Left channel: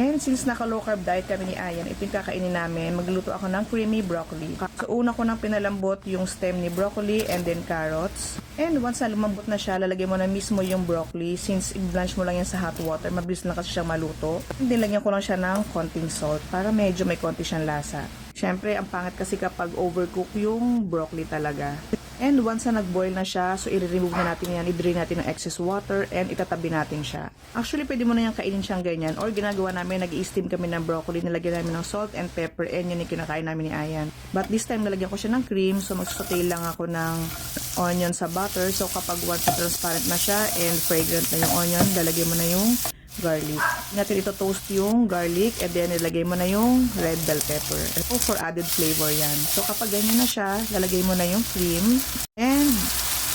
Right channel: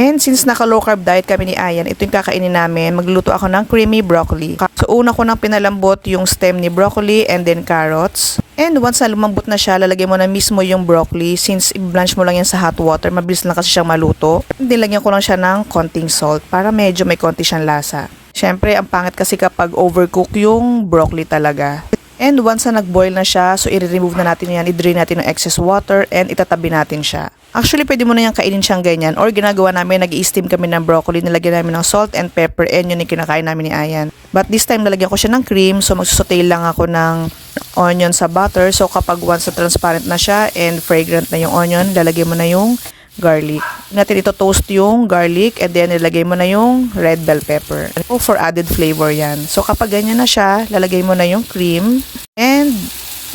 And since naka-low carb diet kami ni Ayan, ito yung kakainin namin. Magluluto ako ng creamy broccoli. So una ko nang pinalambot yung stem ni broccoli and then carrots. And once na lumambot na siya, lalagay mo na mismo yung broccoli. Since i-blanch mo lang yan sa hot water, mabilis lang kasi siyang maluto. And then lagyan ko lang siya ng konting salt para medyo may konti siyang lasa. Siyempre, ang pangit kasi kapag overcook yung broccoli talaga. And once na nag-boil na siya, so i-remove na natin yan, i-drain natin ng excess water and itatabi natin siya. Actually, pwede mo na yan kainin siyang ganyan or ginagawa namin, nag-i-steam kami ng broccoli, nilagyan namin ng salt and pepper and yun yung kinakain namin ni Ayan. But this time, nalagyan ko siya ng cream, so magsusaute lang ako ng onion sa butter. So kapag once na transparent na siya and fragrant na yung onion, lalagyan mo na yung garlic. Natin ito toast yung garlic and then nilagay mo na yung red bell pepper. For added flavor yan. So kapag ganyan na siya, lalagay mo na yung cream and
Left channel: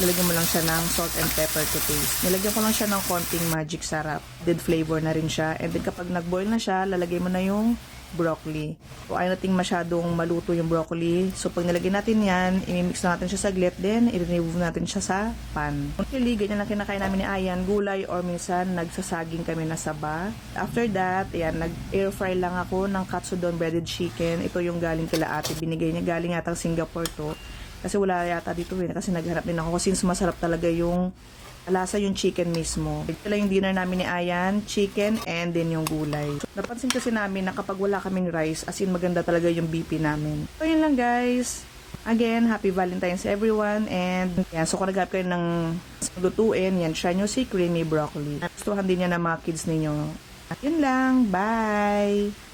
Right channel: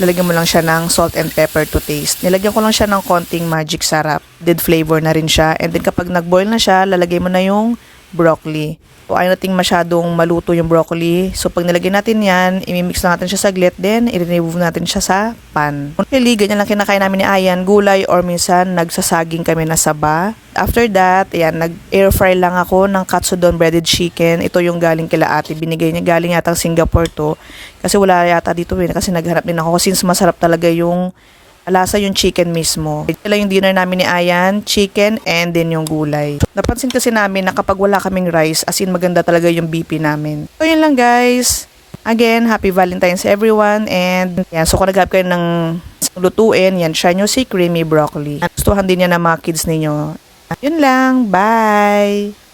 lalagyan mo lang siya ng salt and pepper to taste. Nilagyan ko lang siya ng konting magic sarap. Added flavor na rin siya. And then kapag nag-boil na siya, lalagay mo na yung broccoli. So ayaw nating masyadong maluto yung broccoli. So pag nilagay natin yan, imimix lang natin siya saglit, then i-remove natin siya sa pan. Usually, ganyan lang kinakain namin ni Ayan, gulay or minsan nagsasaging kami na saba. After that, ayan, nag-air fry lang ako ng katsudon breaded chicken. Ito yung galing kila ate. Binigay niya, galing yata Singapore to. Kasi wala yata dito kasi naghanap din ako since masarap talaga yung lasa yung chicken mismo. Ito lang yung dinner namin ni Ayan, chicken and then yung gulay. Napansin kasi namin na kapag wala kaming rice, as in maganda talaga yung BP namin. So yun lang guys. Again, happy Valentine's everyone and yan, so kung naghanap kayo ng lutuin, yan, try nyo si creamy broccoli. Gustuhan din yan ng mga kids ninyo. Yun lang, bye!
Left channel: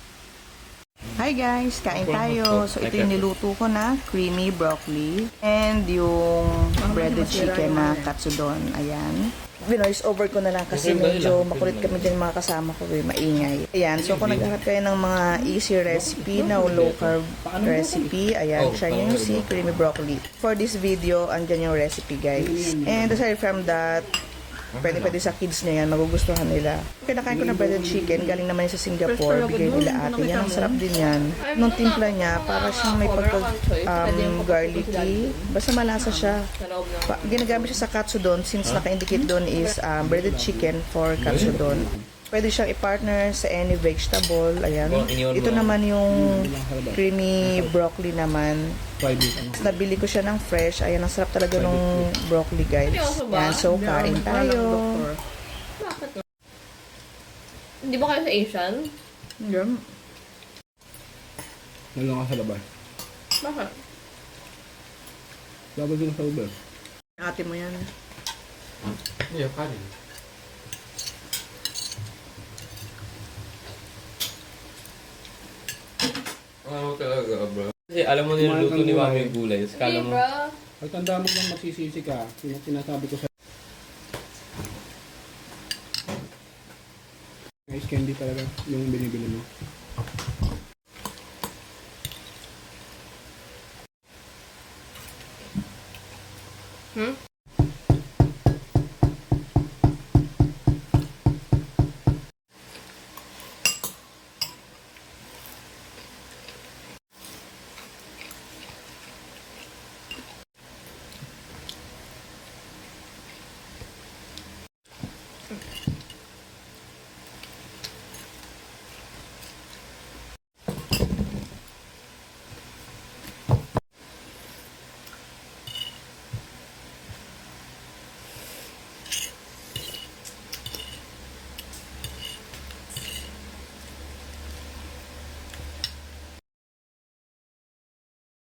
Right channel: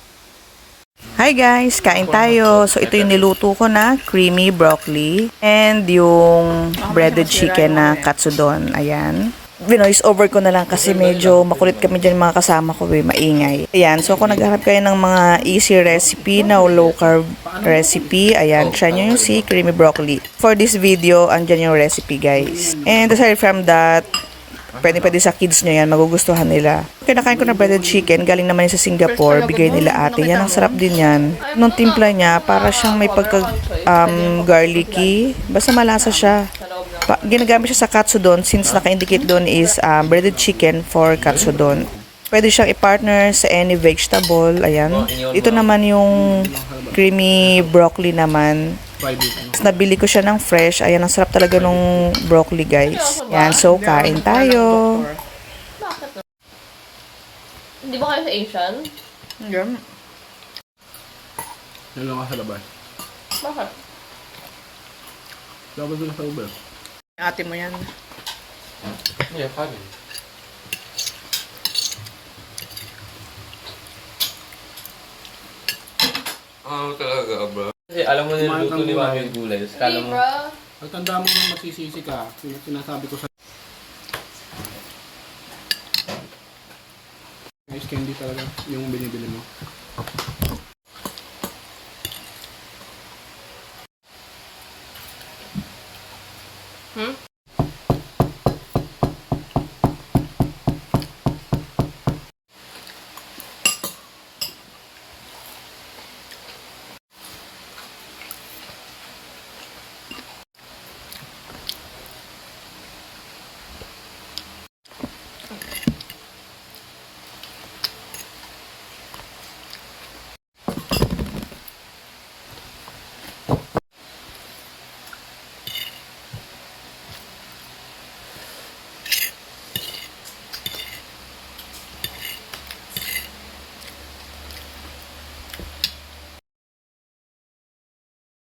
Hi guys, kain tayo. So ito yung niluto ko na creamy broccoli and yung breaded chicken na katsudon. Ayan. Binoise over ko na lang kasi medyo makulit kami dyan mga kasama ko, maingay. Ayan, so kung nagharap kayo ng mga easy recipe na low carb recipe, ayan, try nyo yung si creamy broccoli. For this video, andyan yung recipe guys. And aside from that, pwede sa kids nyo yan, magugustuhan nila. Kinakain ko na breaded chicken, galing naman yun sa Singapore, bigay nila ate. Yan, ang sarap din yan. Nung timpla niya, para siyang may garlicky. Basta malasa siya. Ginagamit siya sa katsudon since naka-indicate doon is breaded chicken for katsudon. Pwede siyang i-partner sa any vegetable. Ayan. Ito naman yung creamy broccoli naman. Nabili ko siya ng fresh. Ayan, ang sarap talaga nung broccoli, guys. Ayan, so kain tayo. Bakit? Hindi ba kayo sa Asian? Hindi. Yan lang ka sa labas. Bakit? Labas lang sa labas. Ate mo yan. Yeah, funny. Oo talaga, bro. Kasi alam mo na luto ni Mami yung gulay. Kala Hindi, mo, bro. Pagtanda mo nang masisisi ka, sinasabi ko sa ice candy talaga yung binibili mo. Hmm?